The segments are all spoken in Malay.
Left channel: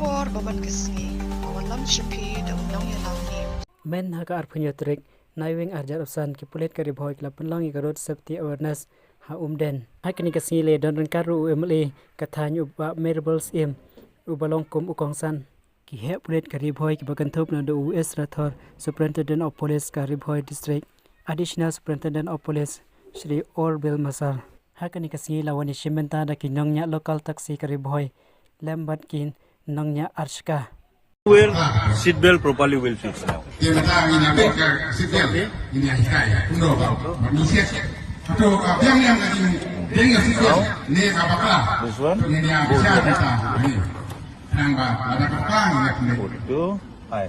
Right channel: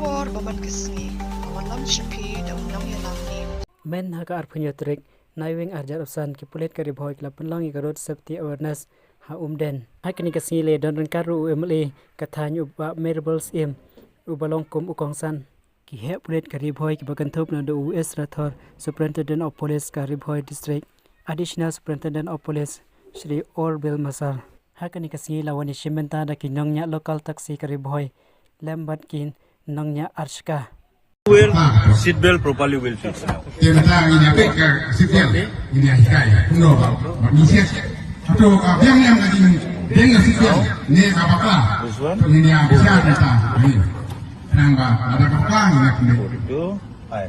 kubor baman kesngi awan lam shipi da unang yalam ni men haka arpunyotrik naiwing arjar usan ki pulet kari bhoy klap penlangi karot safety awareness ha umden hakini kasngi le don karu umle kathanyu ba merables im ubalong kum ukongsan ki he pulet kari bhoy ki bakan thop na do US Rathor Superintendent of Police kari bhoy district additional Superintendent of Police Shri Orbil Masar hakani kasngi lawani shimenta da kinongnya local taxi kari bhoy lambat kin nongnya arshka seat belt properly will fix. Dia kata ini apa ke seat belt ini yang saya kuno bisa atau yang ini dengan seat belt ini apakah ini yang bisa kita ini nambah ada apa ini Itu, hai,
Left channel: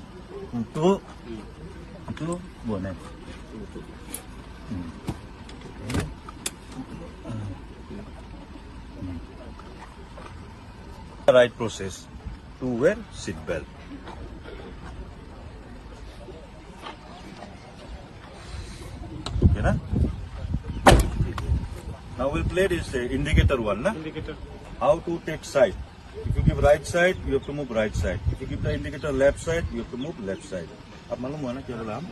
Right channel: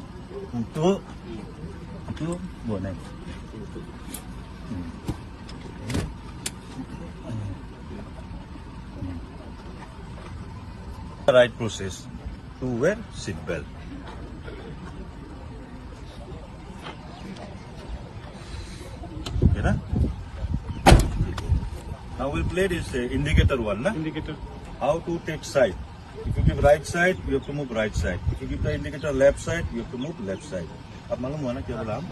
itu boleh. Right process to wear seat belt. Now we'll play this indicator one, na? Indicator. How to take side. If you give right side, you have to move right side. If you give the indicator left side, you have to move left side. अब मालूम हुआ ना क्या बोला हम?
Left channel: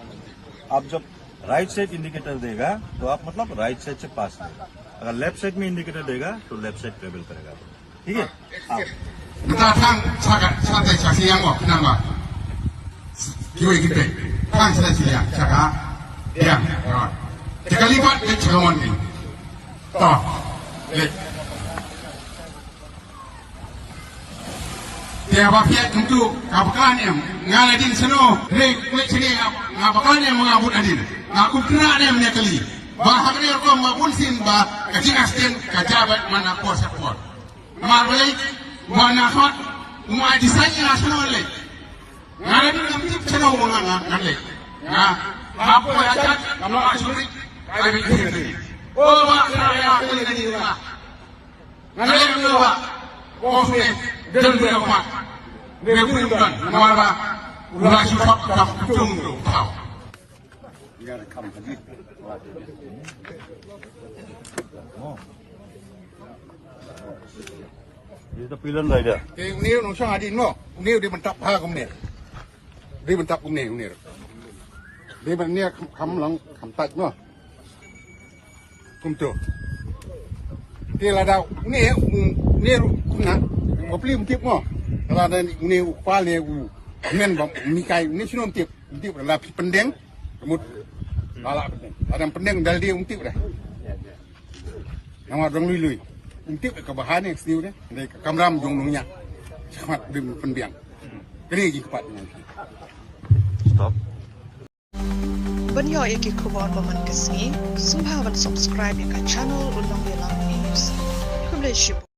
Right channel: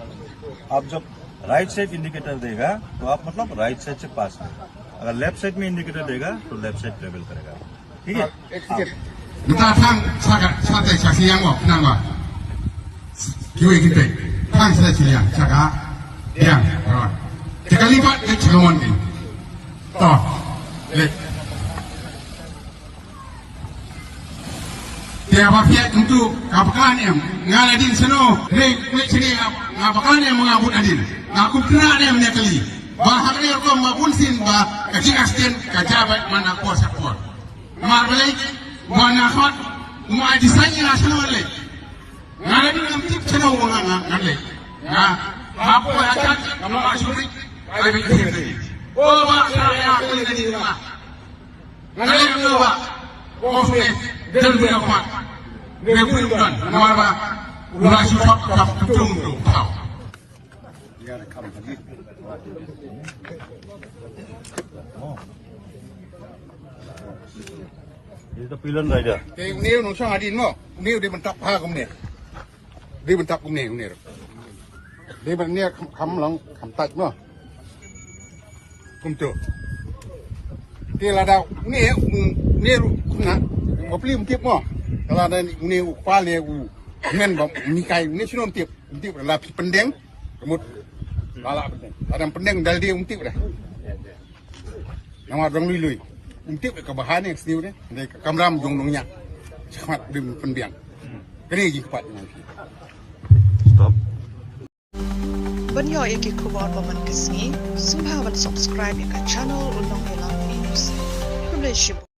आप जब right side indicator देगा तो आप मतलब राइट साइड से पास लेगा. अगर लेफ्ट साइड में इंडिकेटर देगा तो लेफ्ट साइड ट्रेवल करेगा. ठीक है? kita tang sangat cakap yang apa nama kau ini ke tang sangat cakap yang cakap lima cakap mana oh dia apa untuk apakah yang ngana di sana macam ni apakah yang mengabut tadi aku kena dia punya kali bahawa dia kau mengabut sin bah kecil asisten kajabat mana kuasa kuat maklum wanafat mau disanya semua le. Nggak ada yang tip semua orang le. Ya, apa aja kalau asli ada di sini. Oh, masalah yang ada di sini lah. Nggak ada yang luar. Bosnya gedung berapa? Gedung dan mana? Ulah cepat tak tunggu. Itu pilihan lah dia. Ini nusang adin mo. Ini dia bentak ha kamu ni. Dia bentak kamu ni. Dia ni kamu lang kamu tak mo. Kamu tu. Dia lada ni na. Kau beli mutip mo. Kalau ada ni upah ni men mikai ni sino mutip adalah pendeng. Kemud lala pendeng. Ada pendeng dal dia mutip dah. Nama orang lui. Untuk kebahan yang sendiri ni, dari kamram jongdongnya, sangat pendiang. Kini lagi kepat dengan itu. Stop. banyo iki kubor baman kesngi sumhawan subscribe ka channel unang yalam news kumle shibu